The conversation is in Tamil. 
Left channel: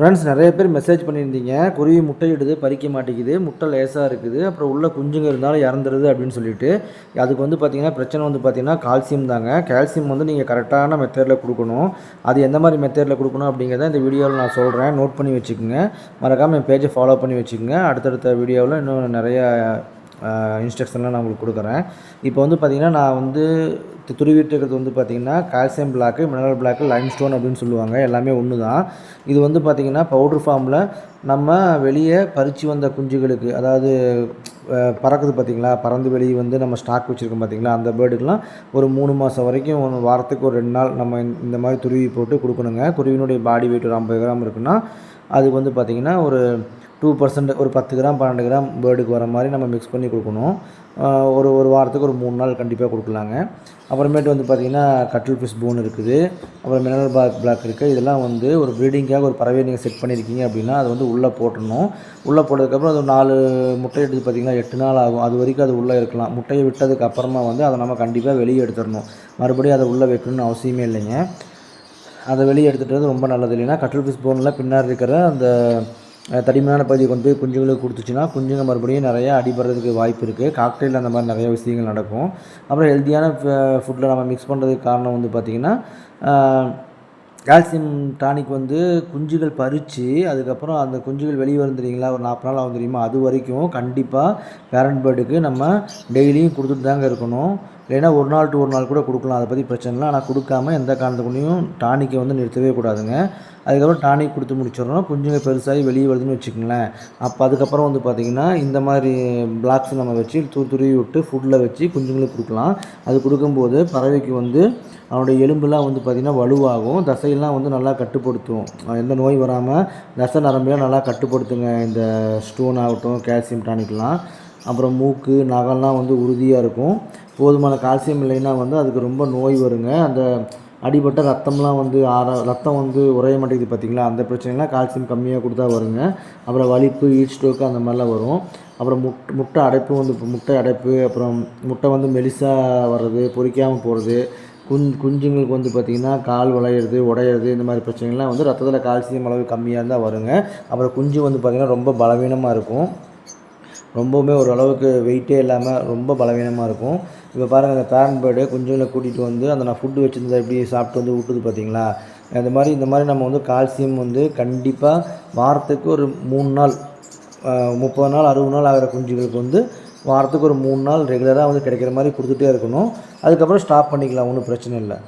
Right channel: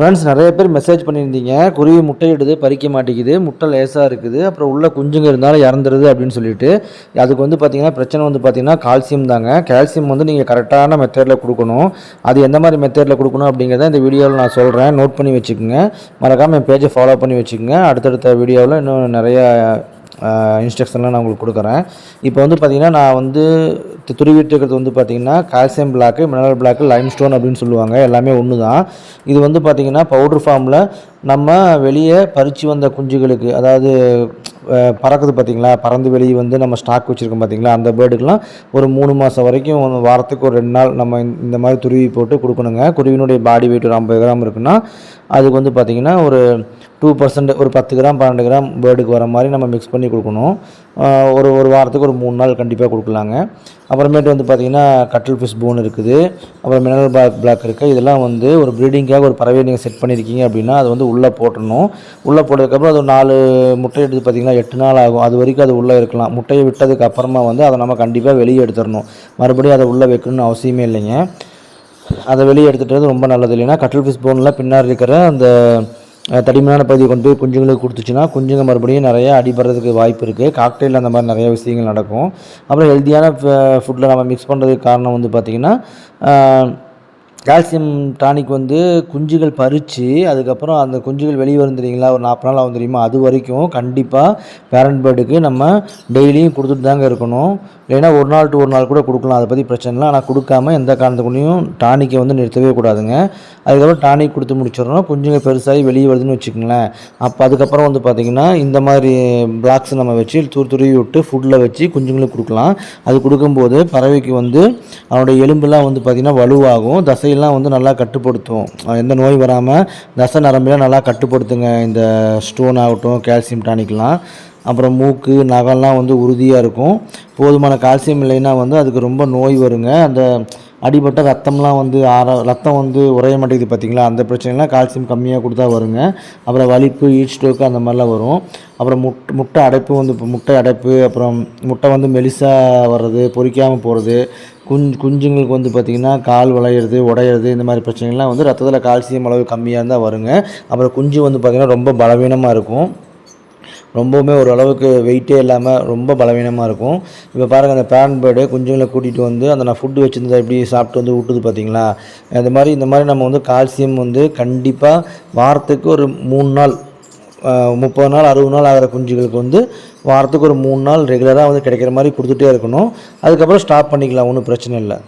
ஃப்ரெண்ட்ஸ், நிறைய பேர் மெசேஜ் பண்ணியிருந்தீங்க. குருவி முட்டையிடுது, பறிக்க மாட்டேங்குது, முட்டை லேசாக இருக்குது, அப்புறம் உள்ள குஞ்சுங்க இருந்தாலும் இறந்துருது அப்படின்னு சொல்லிட்டு. அதுக்கு வந்து பார்த்தீங்கன்னா பிரச்சனை வந்து பார்த்தீங்கன்னா கால்சியம் தாங்க. கால்சியம் வந்து நீங்கள் கரெக்டான மெத்தடில் கொடுக்கணும். அது எந்த மாதிரி மெத்தடில் கொடுக்கணும் அப்படிங்கிறத இந்த வீடியோவில் நான் சொல்கிறேன். நோட் பண்ணி வச்சுக்கோங்க. மறக்காமல் என் பேஜை ஃபாலோ பண்ணி வச்சுக்கோங்க. அடுத்தடுத்த வீடியோவில் இன்னும் நிறைய இன்ஸ்ட்ரக்ஷன்லாம் நான் உங்களுக்கு கொடுக்குறேன். இப்போ வந்து பார்த்திங்கன்னா நான் வந்து துருவிட்டு இருக்கிறது வந்து பார்த்திங்கன்னா calcium block, mineral block, lime stone அப்படின்னு சொல்லுவாங்க. எல்லாமே ஒன்று தான். இது வந்து பார்த்திங்கன்னா பவுட்ரு ஃபார்மில் நம்ம வெளியே பறித்து வந்த குஞ்சுகளுக்கு, அதாவது பறக்குது பார்த்திங்களா, பறந்து வெளியே வந்து நம்ம ஸ்டாக் வச்சுருக்கோம் பார்த்திங்களா, அந்த பேர்டுக்கெலாம் ஒரு 3 மாதம் வரைக்கும் வாரத்துக்கு ஒரு 2 நாள் நம்ம இந்த மாதிரி துருவி போட்டு கொடுக்கணுங்க. குருவினுடைய பாடி வெயிட் ஒரு 50 கிராம் இருக்குன்னா அதுக்கு வந்து பார்த்திங்கன்னா ஒரு 2% ஒரு 10 கிராம் 12 கிராம் பேர்டுக்கு வர மாதிரி நம்ம மிக்ஸ் பண்ணி கொடுக்கணும். ஒரு வாரத்துக்கு ஒரு 3 நாள் கண்டிப்பாக கொடுக்கலாங்க. அப்புறமேட்டு வந்து பார்த்திங்கன்னா கட்டில் ஃபிஷ் போன் இருக்குது, அப்புறம் மினரல் பிளாக் இருக்குது. இதெல்லாம் வந்து ஒரு ப்ரீடிங்காக ஒரு பறவையை நீங்கள் செட் பண்ணியிருக்கீங்க அப்படின்னா அது வந்து உள்ளே போட்டுடணும். உள்ளே போட்டதுக்கப்புறம் அது 4 முட்டை எடுத்து பார்த்திங்கன்னா 8 நாள் ஆகும். அது வரைக்கும் அது உள்ளே இருக்கலாம். முட்டையை விட்டதுக்கு அப்புறமா வந்து அதை நம்ம கண்டிப்பாக வெளியே எடுத்துடணும். மறுபடியும் அதை உள்ளே வைக்கணும்னு அவசியமே இல்லைங்க. அதை வெளியே எடுத்துகிட்டு ரொம்ப நல்லது. இல்லைன்னா கட்டில் ஃபிஷ் போனில் பின்னாடி இருக்கிற அந்த தடிமனான பகுதியை கொண்டு போய் குஞ்சுங்களுக்கு கொடுத்துச்சுன்னா குஞ்சுங்க மறுபடியும் நிறையா அடிபடுறதுக்கு வாய்ப்பு இருக்குது. காக்டெயில் அந்த மாதிரி நிறைய விஷயங்கள் நடக்கும். அப்புறம் ஹெல்த்தியான ஃபுட்டில் நம்ம மிக்ஸ் பண்ணுறதுக்கு காரணம் வந்து பார்த்திங்கன்னா கால்சியம் டானிக் வந்து குஞ்சுகள் பறித்து அதுக்கப்புறம் அந்த குஞ்சுகள் வெளியே வரும் தெரியுங்களா, ஒரு 40 நாள் ஆகும் தெரியுமா, அது வரைக்கும் கண்டிப்பாக பேரண்ட் பேர்டுக்கு நம்ம டெய்லியும் கொடுத்துட்டு தாங்க இருக்கணும். இல்லைன்னா ஒரு நாள் டு ஒரு நாள் கூட கொடுக்கலாம், அதை பற்றி பிரச்சனை இல்லை. ஆனால் கொடுக்காம எந்த காரணத்துக்குள்ளேயும் டானிக்கை வந்து நிறுத்தவே கூடாதுங்க. அதுக்கப்புறம் டானிக் கொடுத்து முடிச்சிடணும். குஞ்சுங்க பெருசாகி வெளியே வருதுன்னு வச்சுக்கோங்களேன். அப்போ அதுக்கப்புறம் வந்து பார்த்திங்கன்னா இந்த மாதிரி பிளாக்ஸ் நம்ம வச்சு துருவி விட்டு ஃபுட்டில் வச்சு குஞ்சுங்களுக்கு கொடுக்கலாம். அது கொடுக்கும்போது பறவைக்கு வந்து அவனுடைய எலும்புலாம் வந்து பார்த்திங்கன்னா வலுவாகும், தசையெல்லாம் வந்து நல்லா கட்டுப்படுத்தும். எந்த நோய் வராமல் தசை நரம்பெல்லாம் நல்லா கட்டுப்படுத்துங்க இந்த ஸ்டோன் ஆகட்டும், கால்சியம் டானிக்லாம். அப்புறம் மூக்கு நகம்லாம் வந்து உறுதியாக இருக்கும். போதுமான கால்சியம் இல்லைன்னா வந்து அதுக்கு ரொம்ப நோய் வருங்க. அந்த அடிபட்ட ரத்தம்லாம் வந்து ரத்தம் வந்து உறைய மாட்டேங்குது பார்த்திங்களா, அந்த பிரச்சனைலாம் கால்சியம் கம்மியாக கொடுத்தா வருங்க. அப்புறம் வலிப்பு, ஹீட் ஸ்ட்ரோக்கு அந்த மாதிரிலாம் வரும். அப்புறம் முட்டை அடைப்பு வந்து முட்டை அடைப்பு, அப்புறம் முட்டை வந்து மெலிசாக வர்றது, பொரிக்காமல் போகிறது, குஞ்சுங்களுக்கு வந்து பார்த்திங்கன்னா கால் வளையிறது, உடையிறது, இந்த மாதிரி பிரச்சனைகள்லாம் வந்து ரத்தத்தில் கால்சியம் அளவு கம்மியாக இருந்தால் வருங்க. அப்புறம் குஞ்சு வந்து பார்த்திங்கன்னா ரொம்ப பலவீனமாக இருக்கும். ரொம்பவுமே ஓரளவுக்கு வெயிட்டே இல்லாமல் ரொம்ப பலவீனமாக இருக்கும். இப்போ பாருங்கள், அந்த பேரண்ட் பேர்டு குஞ்சுங்களை கூட்டிகிட்டு வந்து அந்த நான் ஃபுட்டு வச்சுருந்தா எப்படி சாப்பிட்டு வந்து விட்டுது பார்த்திங்களா. இந்த மாதிரி நம்ம வந்து கால்சியம் வந்து கண்டிப்பாக வாரத்துக்கு ஒரு 3 நாள், 30 நாள் 60 நாள் ஆகிற குஞ்சுகளுக்கு வந்து வாரத்துக்கு ஒரு 3 நாள் ரெகுலராக வந்து கிடைக்கிற மாதிரி கொடுத்துட்டே இருக்கணும். அதுக்கப்புறம் ஸ்டாப் பண்ணிக்கலாம், ஒன்றும் பிரச்சனை இல்லை.